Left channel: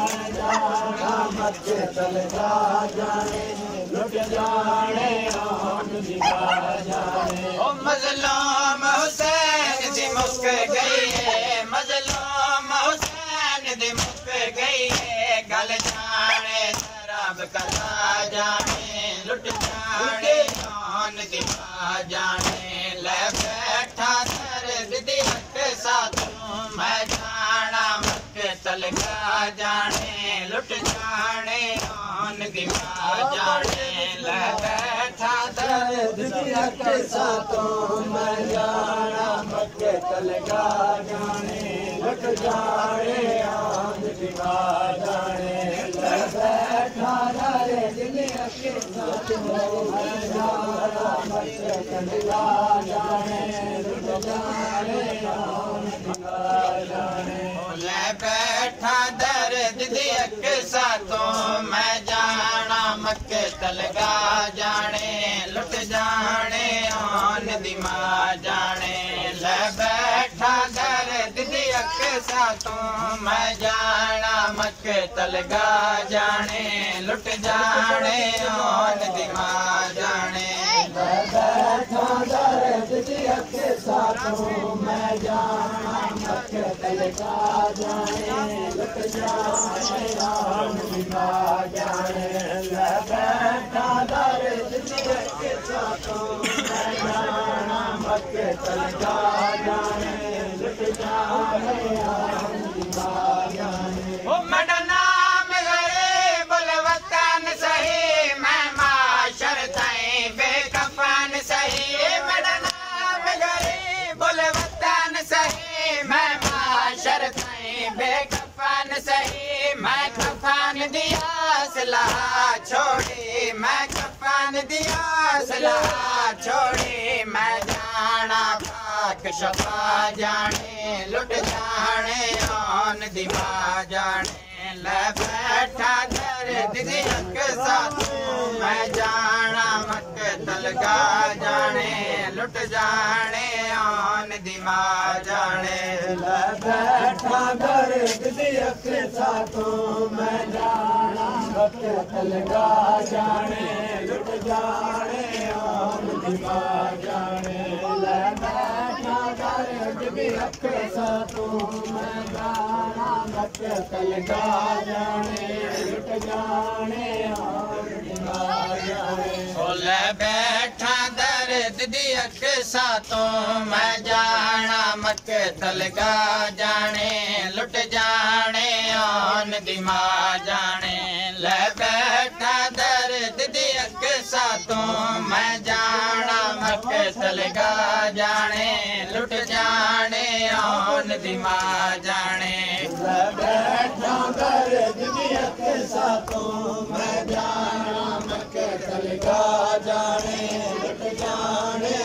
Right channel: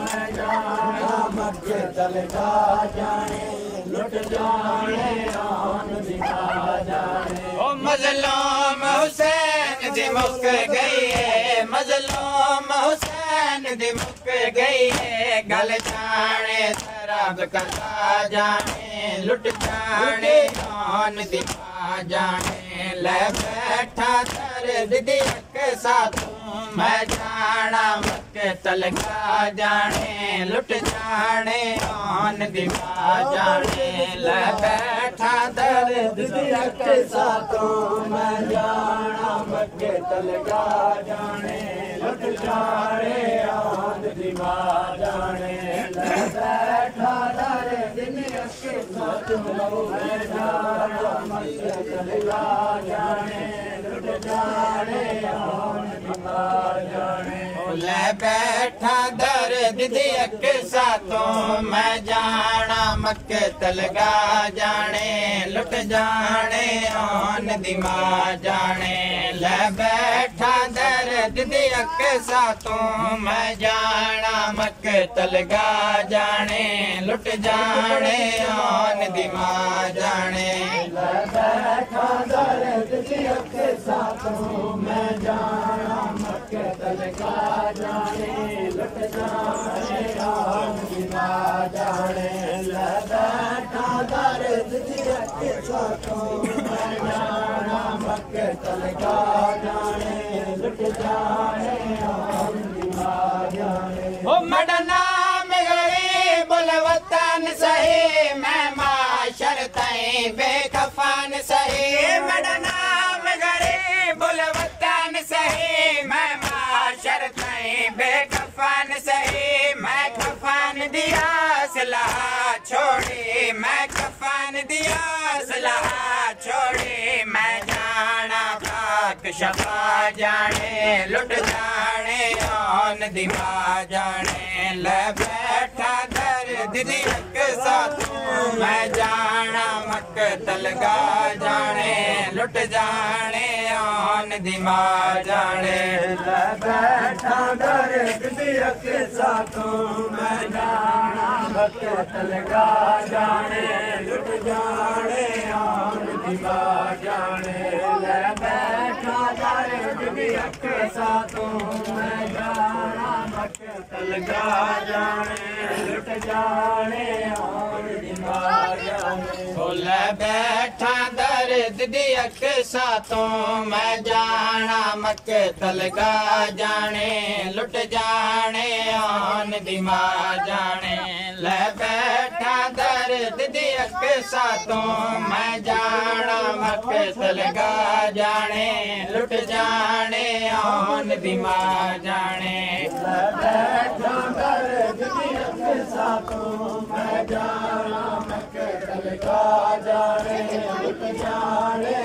मैं जाना मक्के तलगा जाने लुट जाने आन दिखा जाने। ओ मजलूम हुसैन दी मुक गई है, मजलूम हुसैन दी मुक गई है, गल जाने शराब कला जाने लुट जाने आन दिखा जाने। ले बैठा दर्द दी हक साथों मैं जाना मक्के तलगा जाने लुट जाने आन दिखा जाने। ले बैठा दर्द दी हक साथों मैं जाना मक्के तलगा जाने लुट जाने आन दिखा जाने। ले बैठा दर्द दी हक साथों मैं जाना मक्के तलगा जाने लुट जाने आन दिखा जाने। ले बैठा दर्द दी हक साथों मैं जाना मक्के तलगा जाने लुट जाने आन दिमा जाने। ले बैठा दर्द दी हक साथों मैं जाना मक्के तलगा जाने लुट जाने आन दिमा जाने। ले बैठा दर्द दी हक साथों मैं जाना मक्के तलगा जाने लुट जाने आन दिमा जाने। ले बैठा दर्द दी हक साथों मैं जाना मक्के तलगा जाने लुट जाने आन दिमा जाने। ओ मेरा नाम गरीब वतन सही मैं माशर ताईं बेकफन सही। मेरा नाम गरीब वतन सही मैं माशर ताईं बेकफन सही। मैं कफन दिया सलाह छोड़ी, मैं कफन दिया सलाह छोड़ी, मैं जाना पाक शफा जाने लुट जाने आन दिमा जाने। ले बैठा दर्द दी हक साथों मैं जाना मक्के तलगा जाने लुट जाने आन दिमा जाने। ले बैठा दर्द दी हक साथों मैं जाना मक्के तलगा जाने लुट जाने आन दिमा जाने। ले बैठा दर्द दी हक साथों मैं जाना मक्के तलगा जाने लुट जाने आन दिमा जाने। ले बैठा दर्द दी हक साथों मैं जाना मक्के तलगा जाने लुट जाने आन दिमा जाने। ले बैठा दर्द दी हक साथों मैं जाना मक्के तलगा जाने लुट जाने आन दिमा जाने। ले बैठा दर्द दी हक साथों मैं जाना मक्के तलगा जाने लुट जाने